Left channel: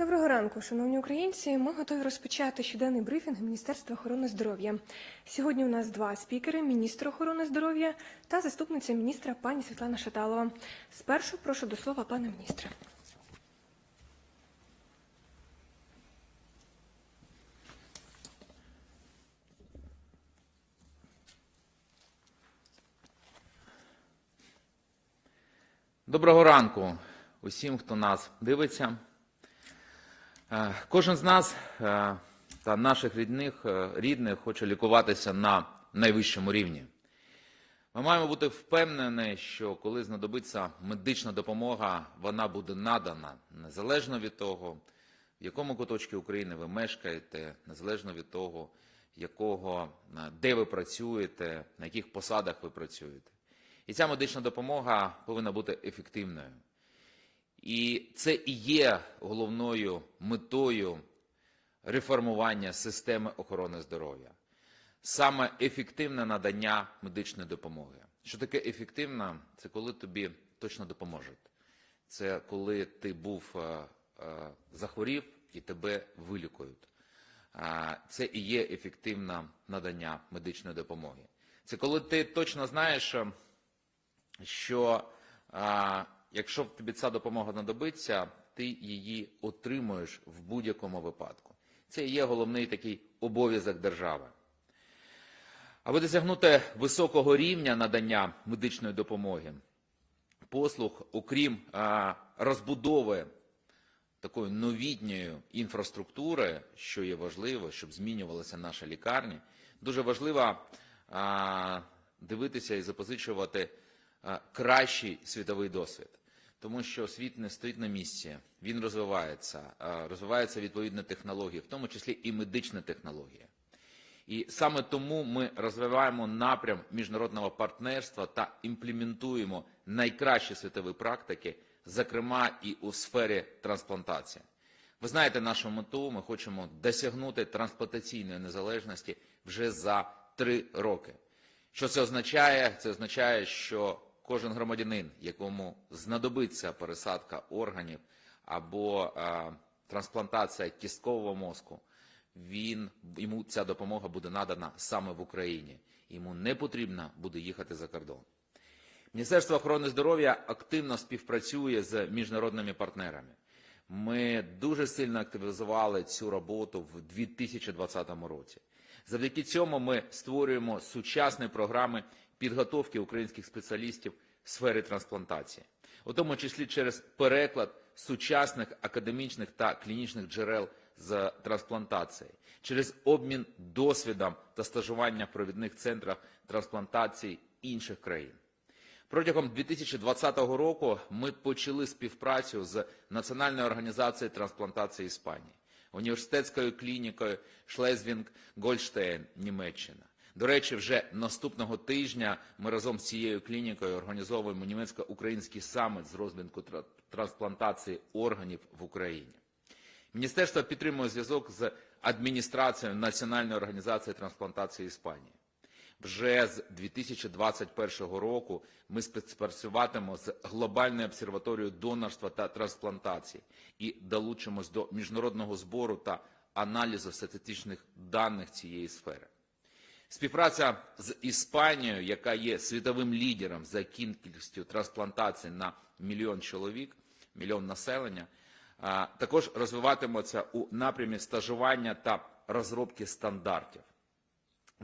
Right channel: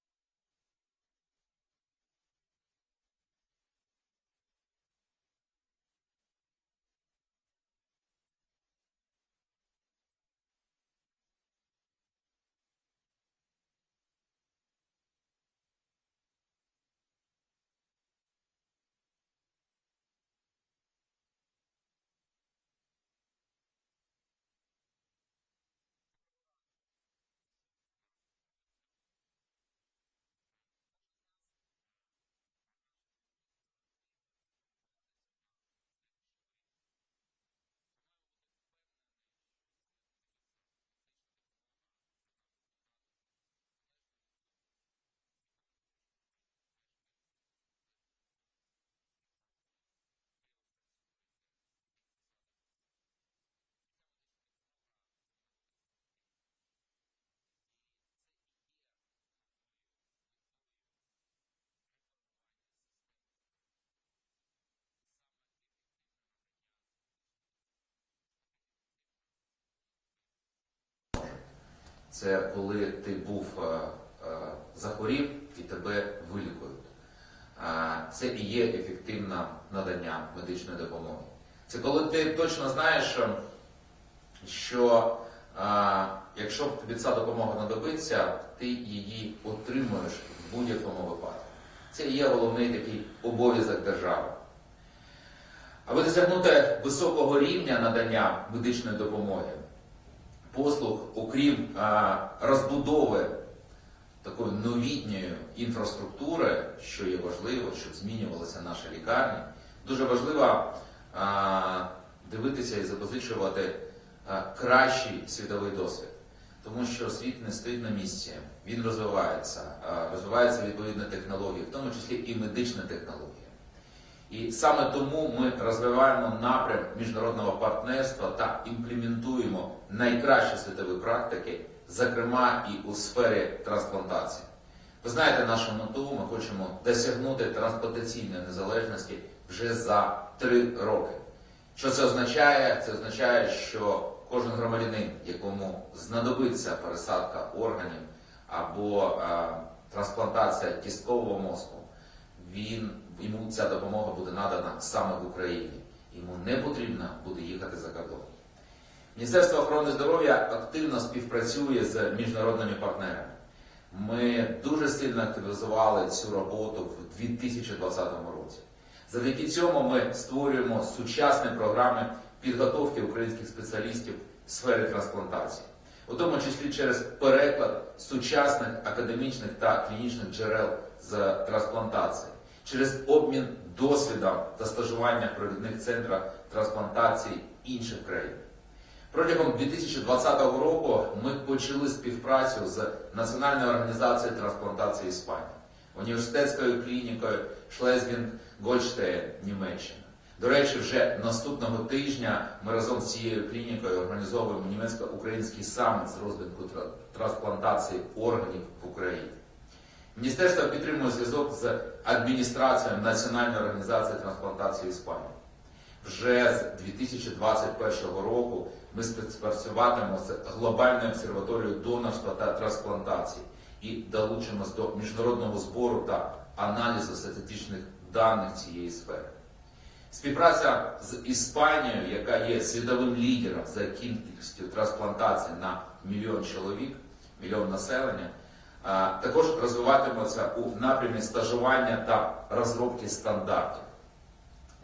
Доброго ранку, шановні українці. Ми готові розпочати щоденний брифінг Міністерства охорони здоров'я. Сьогодні у нас два спікери: міністр охорони здоров'я та заступниця міністра пані Світлана Шаталова. Спершу прошу до слова пана міністра. Доброго ранку усім, хто нас дивиться. Е, Кожен з нас е, та наших рідних, е, рідних хоче лікуватися на найвищому рівні. Ми маємо бути впевнені, що коли знадобиться медична допомога, вона буде надана незалежно від того, в якому куточку України ви мешкаєте, незалежно від того, якого, де ви працюєте, на яких посадах ви працюєте. І ця медична допомога повинна бути ефективною. І це і є головною метою реформування системи охорони здоров'я. Саме ефективне надання медичної допомоги. Що таке ефективна? Це коли тобі точно допоможуть. Це коли ти був е, е, захворів і тебе вилікують. А Це і є ефективне надання медичної допомоги. Це коли ти точно знаєш, що а, якщо тобі ця допомога знадобиться, ти її отримуєш в будь-якому випадку. Це є головний такий обов'язок держави. Аби досягнути високого рівня надання медичної допомоги, послуг, окрім а, розбудови такої новітньої інфраструктури, що є важливо, щоб змінювалися наші лікарні, дуже важливо а, дивитися і запозичувати а, кращий світовий досвід. Тому що світ не стоїть на місці, він розвивається, а, розвиваються відповідні технології, в тому числі і медична технологія. І саме тому ми розвиваємо напрям міжнародного партнерства та імплементуємо найкращі світові практики, зокрема і у сфері трансплантації. Ви знаєте нашу мету, ми хочемо досягнути трансплантаційної незалежності вже за три роки. Що це означає? Це означає, що кожен громадянин, якому знадобиться пересадка органів або е, трансплантація кісткового мозку, він, йому ця допомога буде надана саме в Україні. Йому не потрібно буде їхати за кордон. Міністерство охорони здоров'я активно співпрацює з міжнародними партнерами. Ми дуже сильно активізували цю роботу в 2020 році. Завдяки цьому ми створюємо сучасні програми підготовки українських спеціалістів в сфері трансплантації, у тому числі через переклад сучасних академічних та клінічних джерел з трансплантації, через обмін досвідом та стажування в провідних центрах трансплантації інших країн. Протягом 2020 року ми почали співпрацю з Національною організацією трансплантації Іспанії, університетською клінікою Шлезвін Гольштейн, Німеччина. До речі, вже наступного тижня ми разом з цією клінікою організовуємо німецько-український саміт з розвитку трансплантації органів в Україні. Міністерство підтримує зв'язок з адміністрацією Національної організації трансплантації Іспанії. Вже з 2021 року ми співпрацюватимемо з глобальною обсерваторією донорства та трансплантації і долучимось до міжнародного збору та аналізу статистичних даних цієї сфери. Співпраця з Іспанією, яка є світовим лідером за кількістю трансплантацій на мільйон чоловік, мільйон населення, також розвиватиметься у напрямі стажування та розробки стандартів.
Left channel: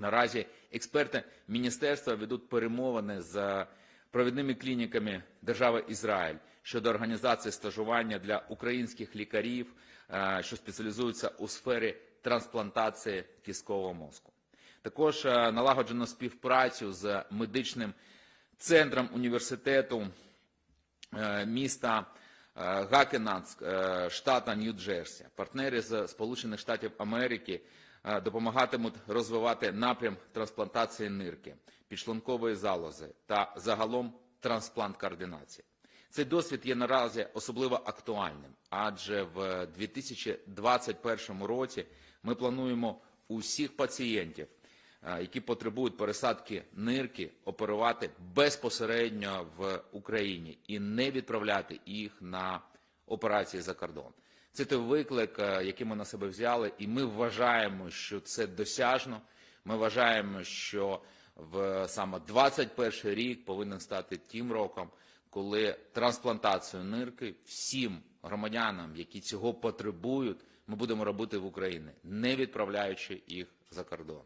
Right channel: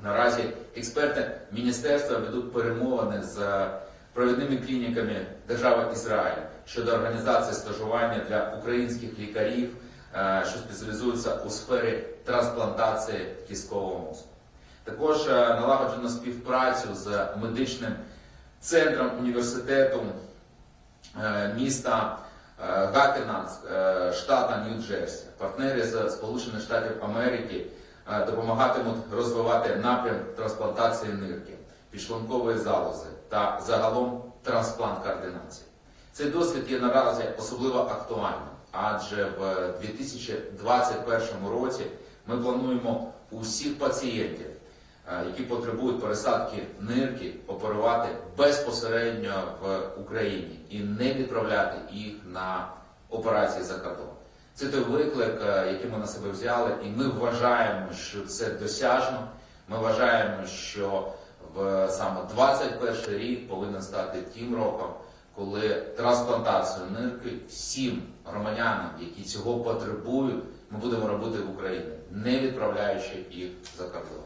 Наразі експерти міністерства ведуть перемовини з провідними клініками держави Ізраїль щодо організації стажування для українських лікарів, що спеціалізуються у сфері трансплантації кісткового мозку. Також е, налагоджено співпрацю з медичним центром університету е, міста е, е, штата Нью-Джерсі. Партнери з Сполучених Штатів Америки допомагатимуть розвивати напрям трансплантації нирки, підшлункової залози та загалом трансплант координації. Цей досвід є наразі особливо актуальним, адже в 2021 році ми плануємо усіх пацієнтів, які потребують пересадки нирки, оперувати безпосередньо в Україні і не відправляти їх на операції за кордон. Це той виклик, е, який ми на себе взяли, і ми вважаємо, що це досяжно. Ми вважаємо, що в саме 21 рік повинен стати тим роком, коли трансплантацію нирки всім громадянам, які цього потребують, ми будемо робити в Україні, не відправляючи їх за кордон.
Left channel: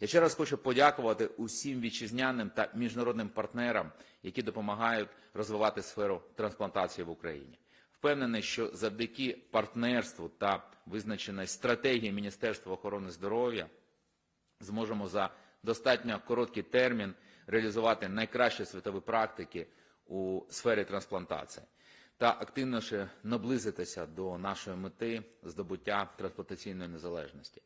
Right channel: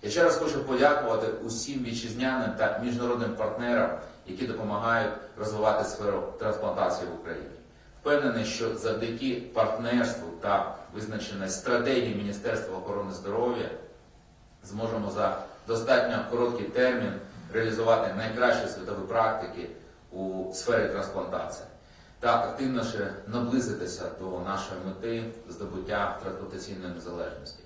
Я ще раз хочу подякувати усім вітчизняним та міжнародним партнерам, які допомагають розвивати сферу трансплантації в Україні. Впевнений, що завдяки партнерству та визначеної стратегії Міністерства охорони здоров'я зможемо за достатньо короткий термін реалізувати найкращі світові практики у сфері трансплантації та активніше наблизитися до нашої мети здобуття трансплантаційної незалежності.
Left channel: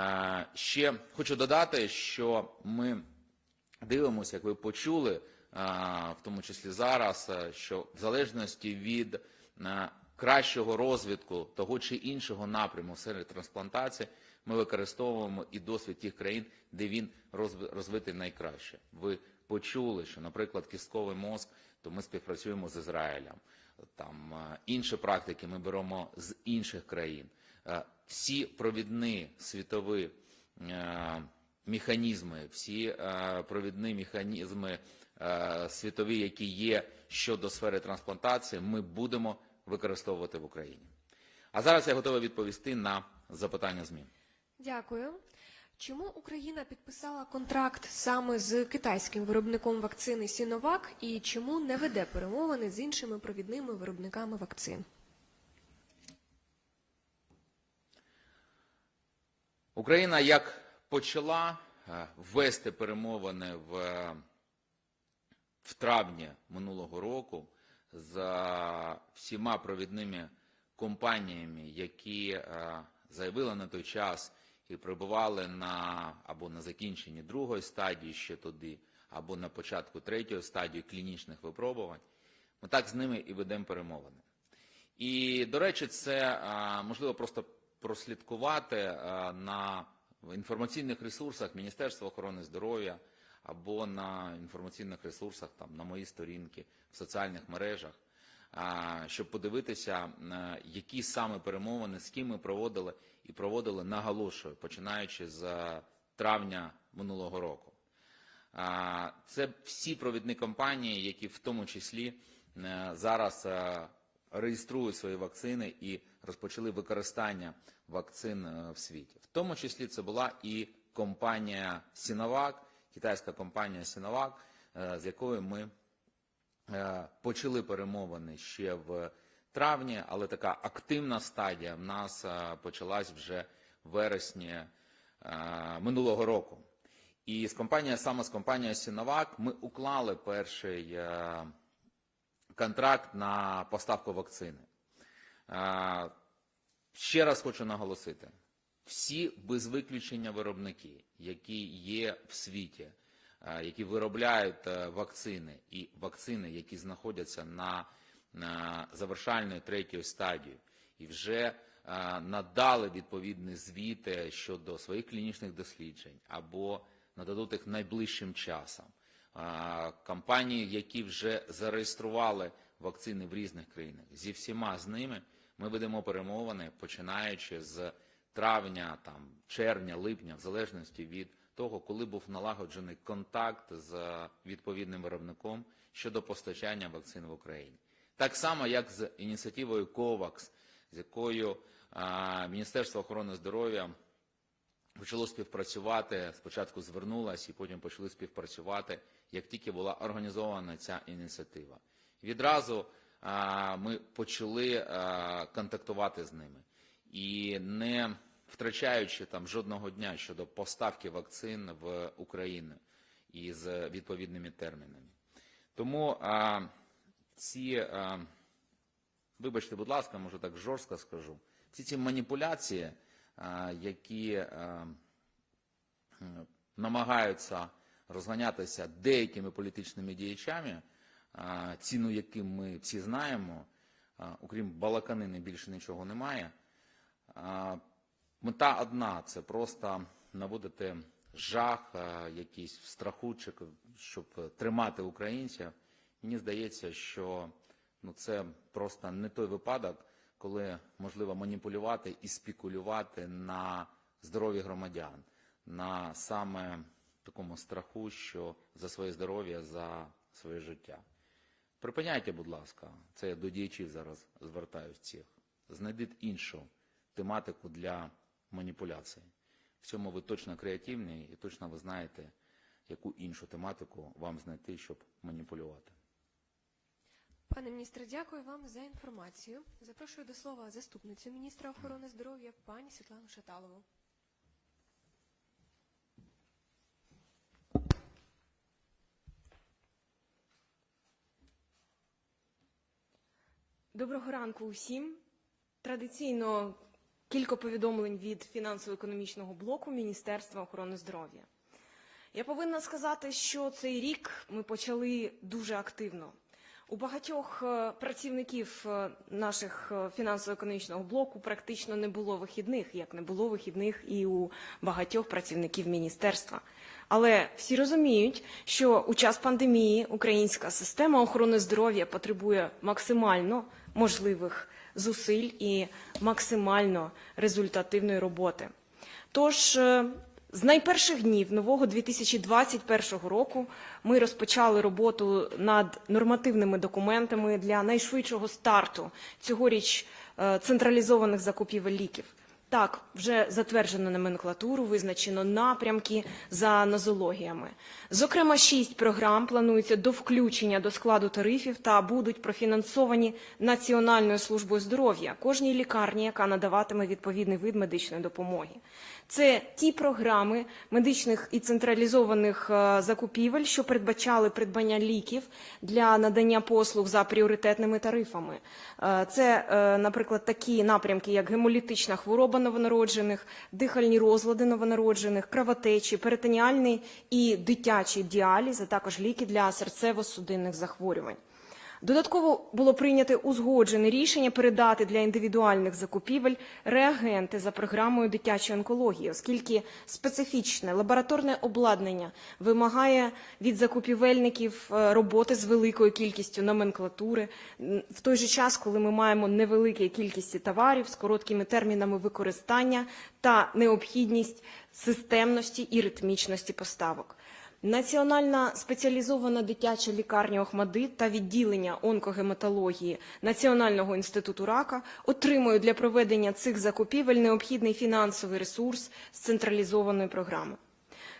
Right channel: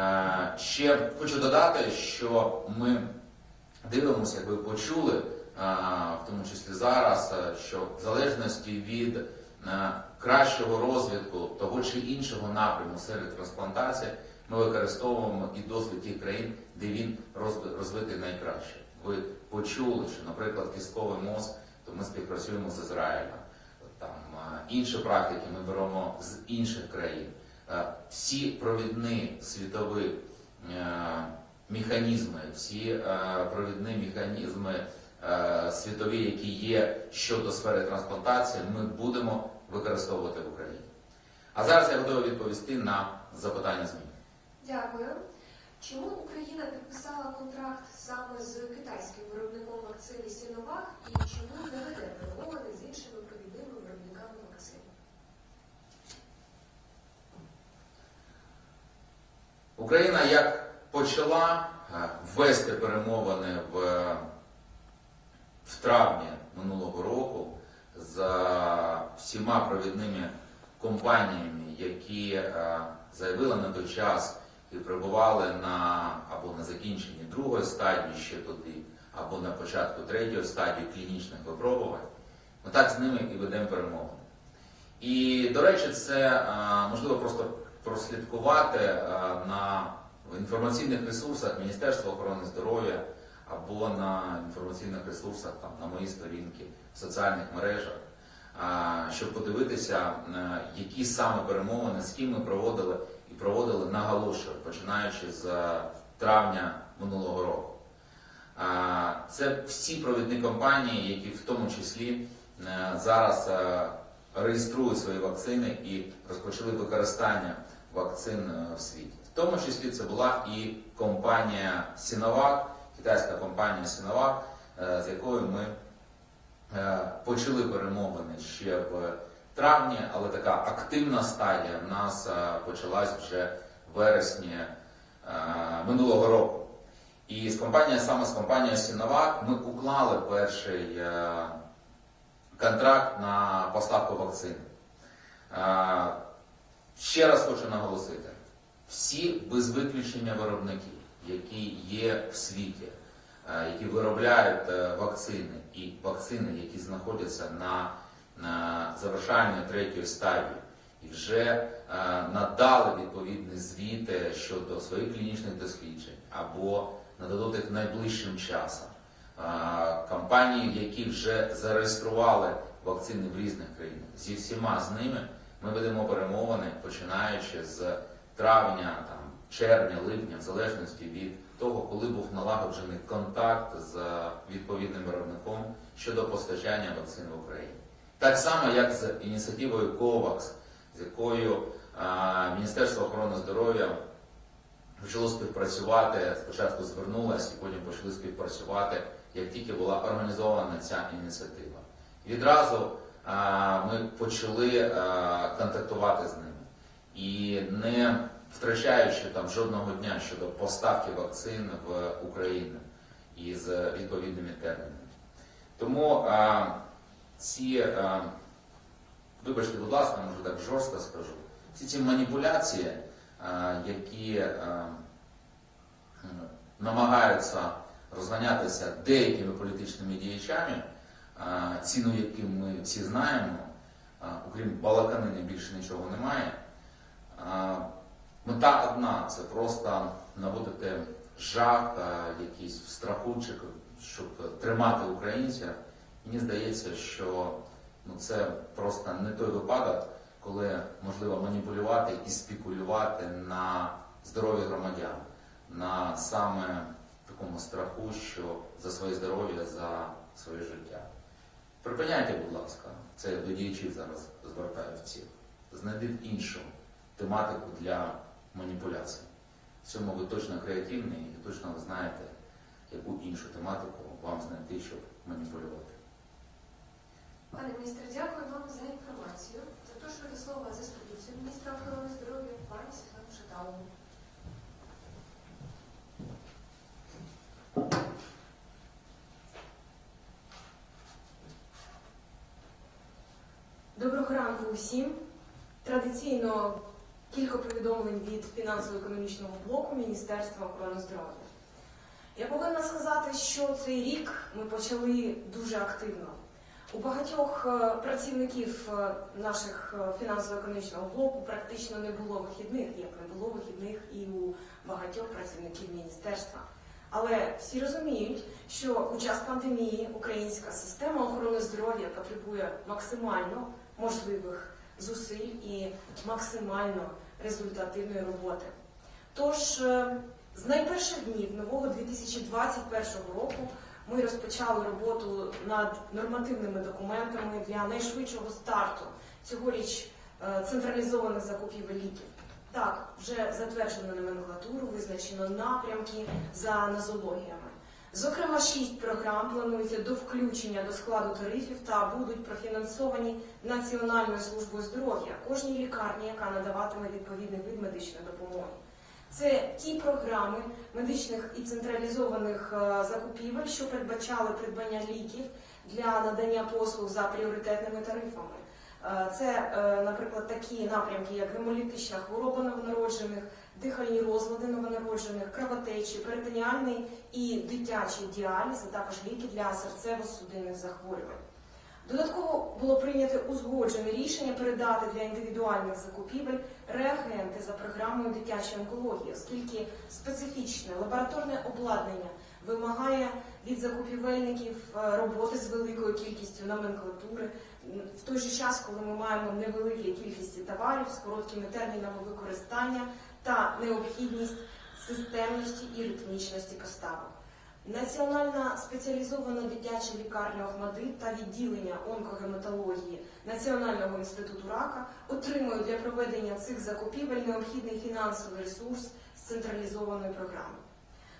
Е, Ще хочу додати, що ми дивимося, як ви почули, е, в тому числі зараз, е, що в залежності від кращого розвитку того чи іншого напряму серед трансплантації, ми використовуємо і досвід тих країн, де він розви- розвитий найкраще. Ви почули, що, наприклад, кістковий мозк, то ми співпрацюємо з Ізраїлем. Там інші практики ми беремо з інших країн. Е, Всі провідні світові е, механізми, всі е, провідні механізми світові, які є щодо сфери трансплантації, ми будемо використовувати в Україні. А зараз я готовий відповісти на запитання ЗМІ. Дякую. Чому Україна підписала контракт саме з китайським виробником вакцини Сіновак і чому не веде перемовини з іншими провідними виробниками вакцин? Україна як почала е, вести перемовини в, в травні минулого року з всіма провідними компаніями, які е, заявили на той час і перебували на або на закінченні другої стадії ще туди, або на початку третьої стадії клінічних випробувань, ми так з ними і ведемо перемовини. І, до речі, це е, можливо просто прослідкувати е, на інформаційних ресурсах Міністерства охорони здоров'я або на інформаційних ресурсах там, на моїй сторінки в соціальних мережах, е, щоб подивитися, е, які саме перемовини, з ким ми проводили і проводили наголошую, починаючи з травня минулого року. Це всі провідні компанії, які в тому числі зараз реєструють свої вакцини і розпочали використання вакцин е, в світі. В тому числі це була і компанія Sinovac, китайська компанія Sinovac, е, з якою ми е, почали перемовини ще в травні, але така активна стадія в нас почалась вже в вересні минулого року. І з компанією, саме з компанією Sinovac ми уклали перший контракт на поставку вакцин. Ще раз хочу наголосити: всі без виключення виробники, які є в світі, е, які виробляють е, вакцини і вакцини, які знаходяться на, на завершальній третьої стадії, і вже е, надали відповідні звіти щодо своїх клінічних досліджень або нададуть їх найближчим часом. Компанії, які вже зареєстрували вакцини в різних країнах, зі всіма з ними ми ведемо перемовини, починаючи з травня, там, червня, липня, в залежності від того, коли був налагоджений контакт з відповідним виробником щодо постачання вакцин в Україні. Так само, як з ініціативою COVAX, з якою а, Міністерство охорони здоров'я почало співпрацювати, спочатку звернулося, і потім почали співпрацювати, як тільки була організована ця ініціатива. Відразу ми почали контактувати з ними і не втрачаючи там жодного дня щодо поставки вакцин в Україну із відповідними термінами. Тому а, ці, а, вибачте, будь ласка, може так жорстко скажу, всі ці маніпуляції, а, які а, намагаються розганятися деякими політичними діячами, ціну яким ми всі знаємо, окрім балаканини більше нічого немає. Мета одна це просто наводити жах, якийсь в страху, чи щоб тримати українців. Мені здається, що ну, це просто не той випадок, коли можливо маніпулювати і спекулювати на здоров'я громадян, на саме такому страху, що за своє здоров'я, за своє життя. Припиняйте, будь ласка, це до діячів зараз звертаю всіх. Знайдіть іншу тематику для маніпуляцій. В цьому ви точно креативні і точно ви знаєте, яку іншу тематику вам знайти, щоб маніпулювати. Пане міністре, дякую вам за інформацію. Запрошую до слова заступницю міністра охорони здоров'я пані Світлану Шаталову. Доброго ранку усім. Традиційно кілька повідомлень від фінансово-економічного блоку Міністерства охорони здоров'я. Я повинна сказати, що цей рік ми почали дуже активно. У багатьох е, працівників е, наших е, фінансово-економічного блоку практично не було вихідних, як не було вихідних і у багатьох працівників міністерства. Але всі розуміють, що у час пандемії українська система охорони здоров'я потребує максимально можливих зусиль і максимально результативної роботи. Тож е, з найперших днів нового 2021 року ми розпочали роботу над нормативними документами для найшвидшого старту цьогоріч е, централізованих закупівель ліків. Так, вже затверджено номенклатуру, визначено напрямки за нозологіями. Зокрема, шість програм планується до включення до складу тарифів та будуть профінансовані Національною службою здоров'я кожній лікарні, яка надаватиме відповідний вид медичної допомоги. Це ті програми медичних і централізованих е, закупівель, що передбачали придбання ліків для надання послуг за пріоритетними тарифами. Е, Це, е, наприклад, такі напрямки, як гемолітична хвороба новонароджених, дихальні розлади новонароджених, кровотечі, перитоніальний і дитячий діаліз, а також ліки для серцево-судинних захворювань. Додатково було прийнято узгоджене рішення передати для індивідуальних закупівель реагенти за програмою дитячої онкології, оскільки специфічне лабораторне обладнання вимагає від закупівельників е, роботи з великою кількістю номенклатури в той же час, коли ми маємо невеликі кількості товарів з короткими термінами використання та необхідність системності і ритмічності поставок. Національна спеціалізована дитяча лікарня Охмадит та відділення онкогематології Національного інституту рака отримують для проведення цих закупівель необхідний фінансовий ресурс з централізованої програми.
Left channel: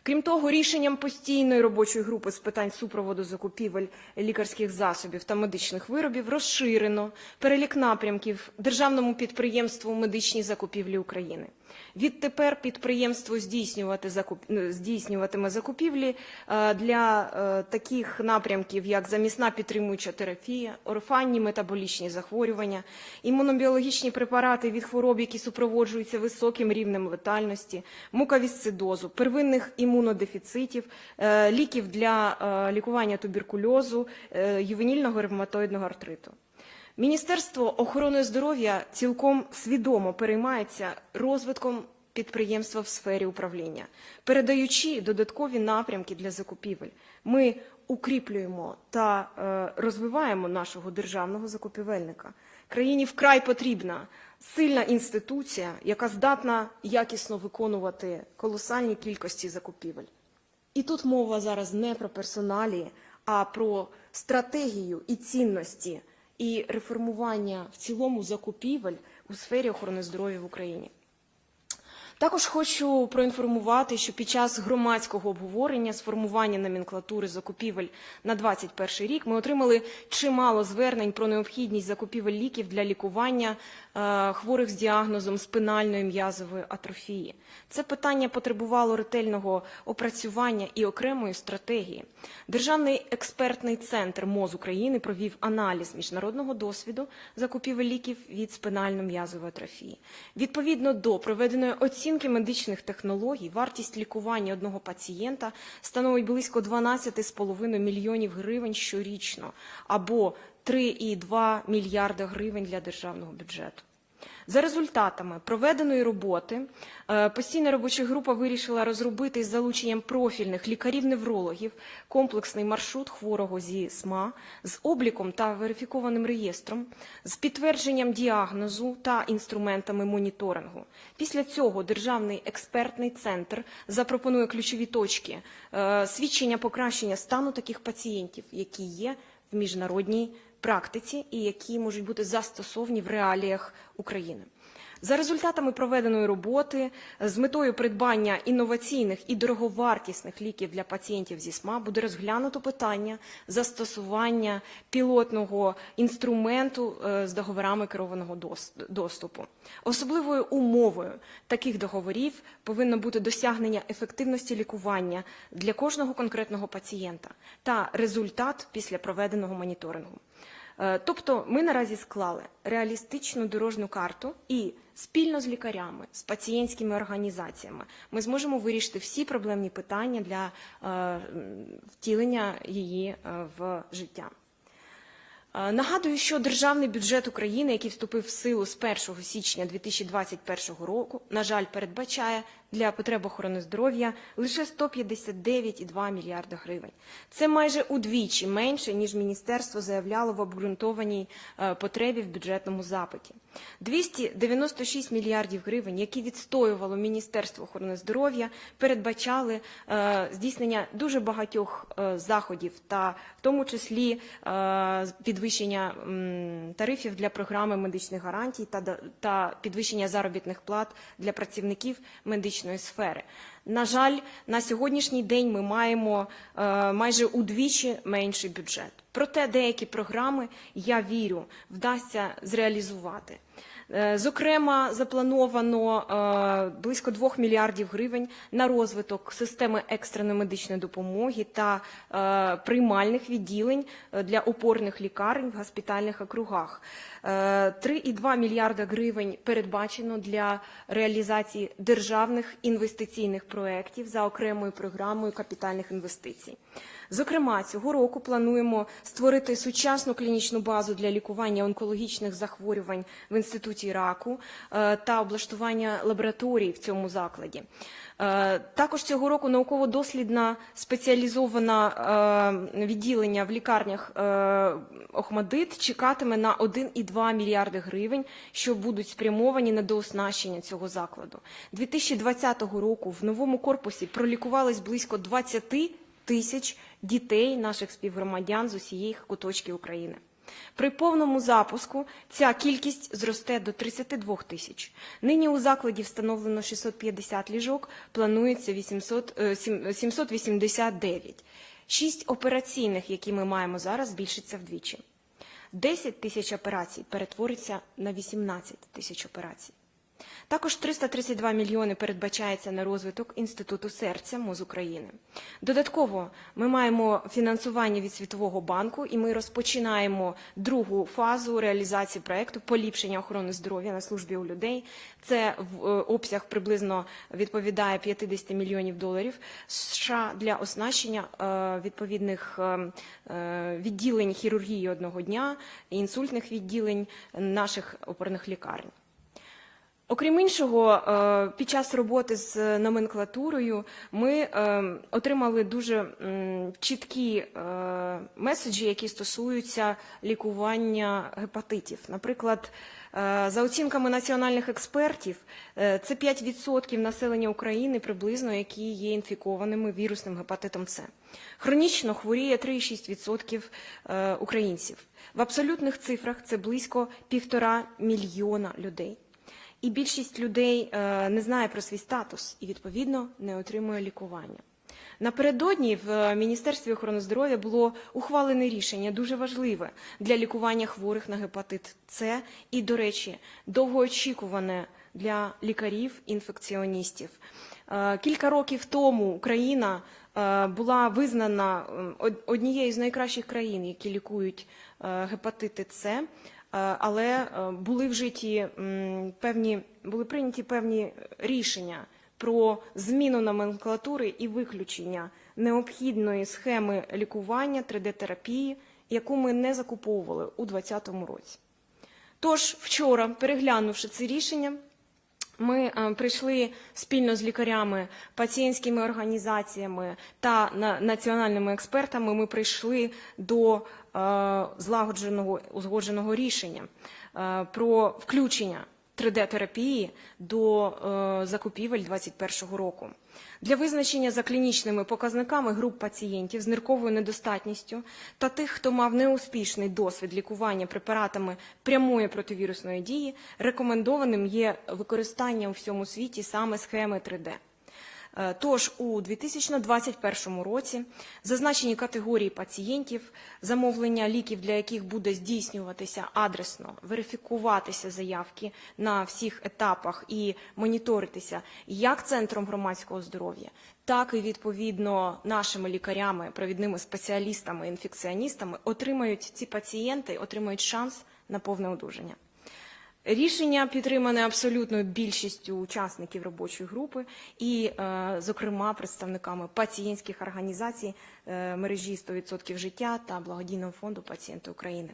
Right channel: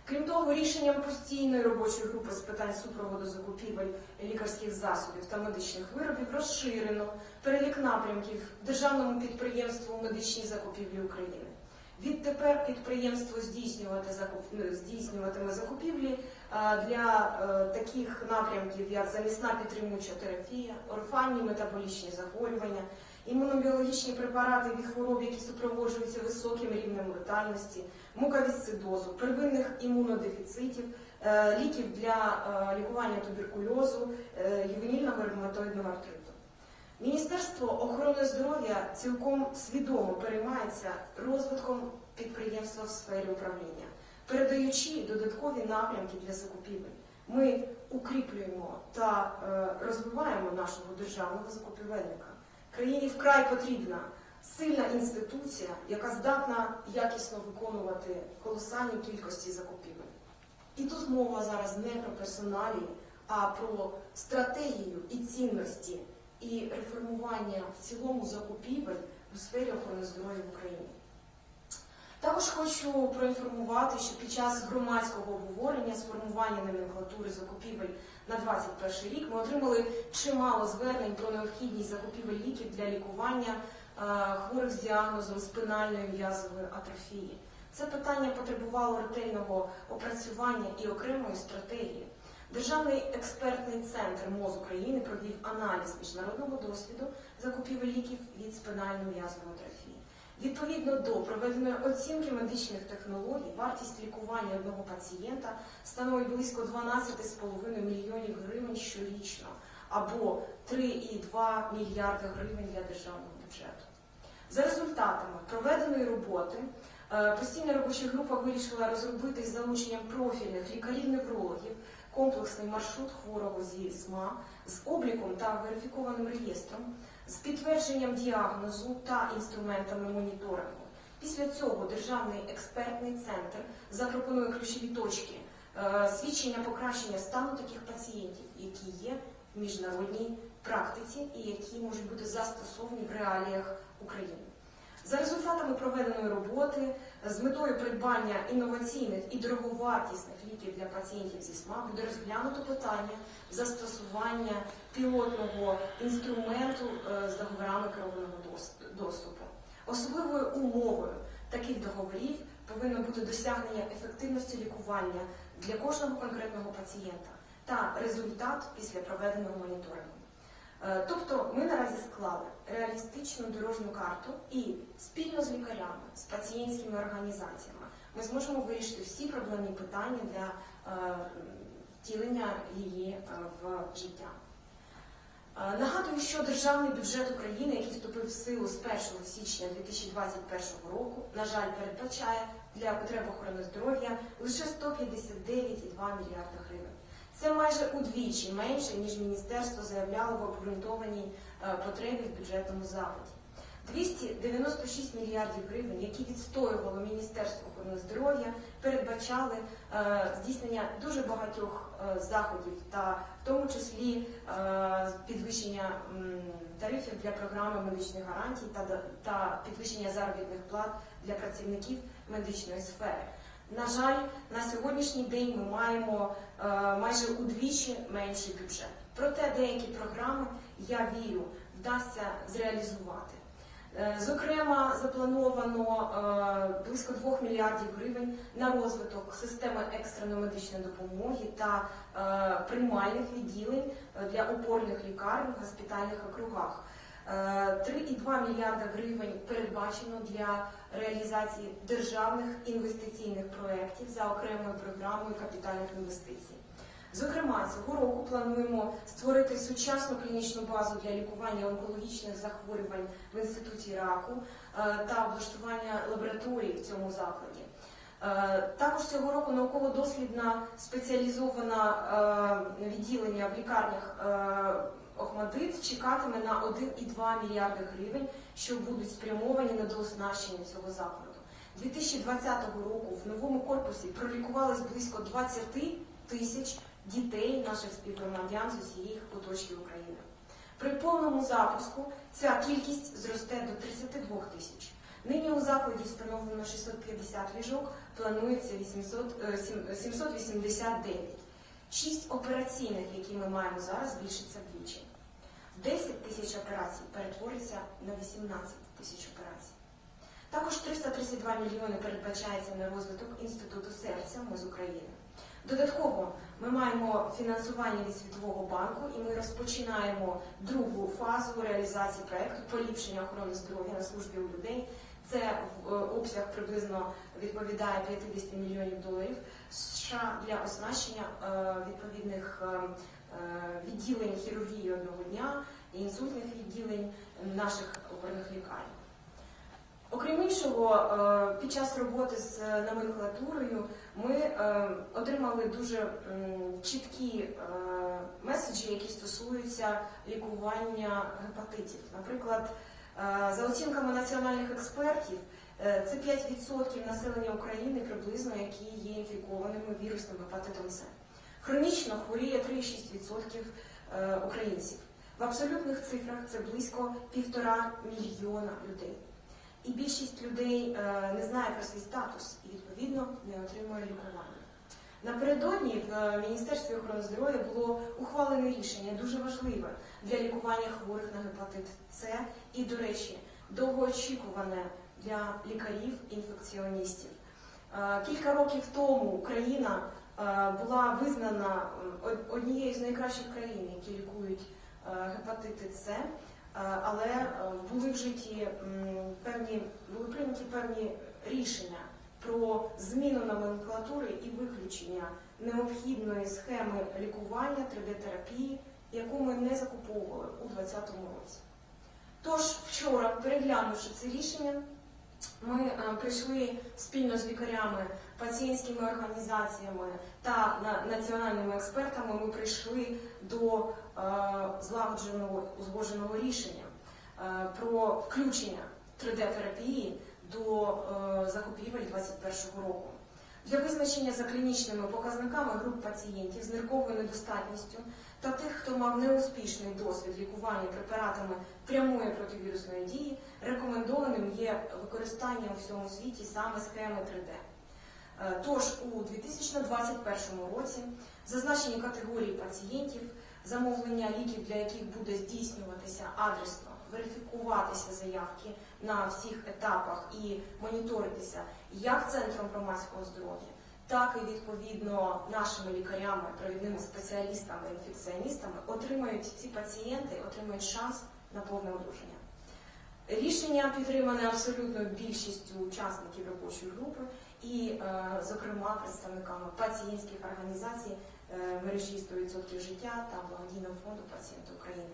Крім того, рішенням постійної робочої групи з питань супроводу закупівель лікарських засобів та медичних виробів розширено перелік напрямків державному підприємству медичні закупівлі України. Відтепер підприємство здійснювати закуп... ну, здійснюватиме закупівлі е, для е, таких напрямків, як замісна підтримуюча терапія, орфанні метаболічні захворювання, імунобіологічні препарати від хвороб, які супроводжуються високим рівнем летальності, муковісцидозу, первинних імунодефіцитів, е, ліків для е, лікування туберкульозу, е, ювенільного ревматоїдного артриту. Міністерство охорони здоров'я цілком свідомо переймається розвитком підприємства в сфері управління, передаючи додаткові напрямки для закупівель. Ми укріплюємо та е, розвиваємо нашого державного закупівельника. Країні вкрай потрібна сильна інституція, яка здатна якісно виконувати колосальні кількості закупівель. І тут мова зараз не про персоналії, а про стратегію і цінності і реформування в цілому закупівель у сфері охорони здоров'я в Україні. Також хочу проінформувати, що під час громадського обговорення сформування номенклатури закупівель на 2021 рік ми отримали чимало звернень про необхідність закупівель ліків для лікування е, хворих з діагнозом спинальної м'язової атрофії. Це питання потребувало ретельного опрацювання і окремої стратегії. Державний експертний центр МОЗ України провів аналіз міжнародного досвіду закупівель ліків від спинально-м'язової атрофії. Відповідно до проведеної оцінки медичних технологій, вартість лікування одного пацієнта становить близько 12,5 мільйонів гривень щорічно або 3,2 мільярда гривень для державного бюджету. За результатами проведеної роботи постійна робоча група вирішила розробити з залученням профільних лікарів-неврологів комплексний маршрут хворого зі СМА з обліком та верифікованим реєстром, з підтвердженням діагнозу та інструментами моніторингу. Після цього Державний експертний центр запропонує ключові точки е, свідчення покращення стану таких пацієнтів, які є в міжнародній практиці і які можуть бути застосовані в реаліях України. За результатами проведеної роботи з метою придбання інноваційних і дороговартісних ліків для пацієнтів зі СМА буде розглянуто питання застосування пілотного інструменту е, з договорами керованого доступу. Особливою умовою таких договорів повинно бути досягнення ефективності лікування для кожного конкретного пацієнта та результат після проведеного моніторингу. Е, Тобто ми наразі склали реалістичну дорожню карту і спільно з лікарями, з пацієнтськими організаціями ми зможемо вирішити всі проблемні питання для е, втілення її е, в життя. Нагадую, що державний бюджет України, який вступив в силу з 1 січня 2021 року, на жаль, передбачає для потреб охорони здоров'я лише 159,2 мільярда гривень. Це майже удвічі менше, ніж міністерство заявляло в обґрунтованій е, потребі в бюджетному запиті. 296 мільярдів гривень, які відстоювало Міністерство охорони здоров'я, передбачали е, здійснення дуже багатьох е, заходів, та в тому числі е, підвищення м, тарифів для програми медичних гарантій та, та підвищення заробітних плат для працівників медичної сфери. На жаль, на сьогоднішній день ми маємо е, майже удвічі менший бюджет. Проте деякі програми, я вірю, вдасться зреалізувати. Е, Зокрема, заплановано е, близько 2 мільярдів гривень на розвиток системи екстреної медичної допомоги та е, приймальних відділень для опорних лікарень в госпітальних округах. Е, 3,2 мільярда гривень передбачено для реалізації державних інвестиційних проєктів за окремою програмою капітальних інвестицій. Зокрема, цього року плануємо створити сучасну клінічну базу для лікування онкологічних захворювань в інституті раку е, та облаштування лабораторій в цьому закладі. Е, Також цього року науково-дослідна спеціалізована е, відділення в лікарнях Охмадит чекатиме на 1,2 мільярди гривень, що будуть спрямовані на дооснащення цього закладу. 2020 року в новому корпусі пролікувались близько 20 тисяч дітей наших співгромадян з усієї куточків України. При повному запуску ця кількість зросте до 32 тисяч. Нині у закладі встановлено 650 ліжок, планується 800, е, 789. Шість операційних, які ми маємо зараз, збільшиться вдвічі. 10 тисяч операцій перетвориться на 18 тисяч операцій. Також 332 мільйони передбачається на розвиток Інституту серця МОЗ України. Додатково ми маємо фінансування від Світового банку, і ми розпочинаємо другу фазу реалізації проекту поліпшення охорони здоров'я на службі у людей. Це в е, обсяг приблизно відповідає 50 мільйонів доларів США для оснащення е, відповідних е, відділень хірургії одного дня, інсультних відділень наших опорних лікарень. Окрім іншого, е, під час роботи з номенклатурою ми е, отримали дуже чіткі е, меседжі, які стосуються лікування гепатитів. Наприклад, за оцінками національних експертів, це 5% населення України приблизно, які є інфікованими вірусним гепатитом С. Хронічно хворіє 3,6% е, українців. В абсолютних цифрах це близько півтора мільйона людей. І більшість людей е, не знає про свій статус і відповідно не отримує лікування. Напередодні в е, Міністерстві охорони здоров'я було ухвалене рішення дуже важливе для лікування хворих на гепатит С і, до речі, довгоочікуване для лікарів-інфекціоністів. Е, Кілька років тому Україна була визнана однією з найкращих країн, які лікують гепатити С. Е, але е, були вжиті житті певні, були прийняті певні рішення про зміну номенклатури і виключення необхідної схеми лікування 3D-терапії, яку ми не закуповували у 2020 році. Тож вчора, переглянувши це рішення, ми е, прийшли спільно з лікарями, пацієнтськими організаціями та на- національними експертами. Ми прийшли до е, злагодженого узгодженого рішення е, про включення 3D-терапії до закупівель 2021 року. Для визначення за клінічними показниками груп пацієнтів з нирковою недостатністю та тих, хто мав неуспішний досвід лікування препаратами прямої противірусної дії, рекомендованим є використання у всьому світі саме схеми 3D. Е, Тож у 2021 році зазначені категорії пацієнтів, замовлення ліків, для яких буде здійснюватися адресно, верифікуватися заявки на всіх етапах і моніторитися як центром громадського здоров'я, так і відповідно нашими лікарями, провідними спеціалістами, інфекціоністами, отримають ці пацієнти, отримають шанс на повне одужання. Рішення підтримане абсолютною більшістю учасників робочої групи і, е, зокрема, представниками пацієнтських організацій е, мережі 100% життя та благодійного фонду пацієнти України.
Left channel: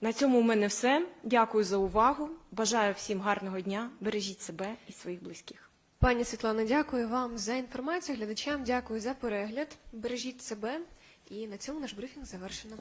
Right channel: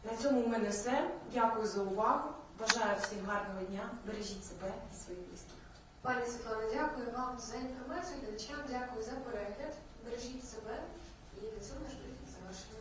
На цьому у мене все. Дякую за увагу. Бажаю всім гарного дня. Бережіть себе і своїх близьких. Пані Світлано, дякую вам за інформацію. Глядачам дякую за перегляд. Бережіть себе. І на цьому наш брифінг завершено.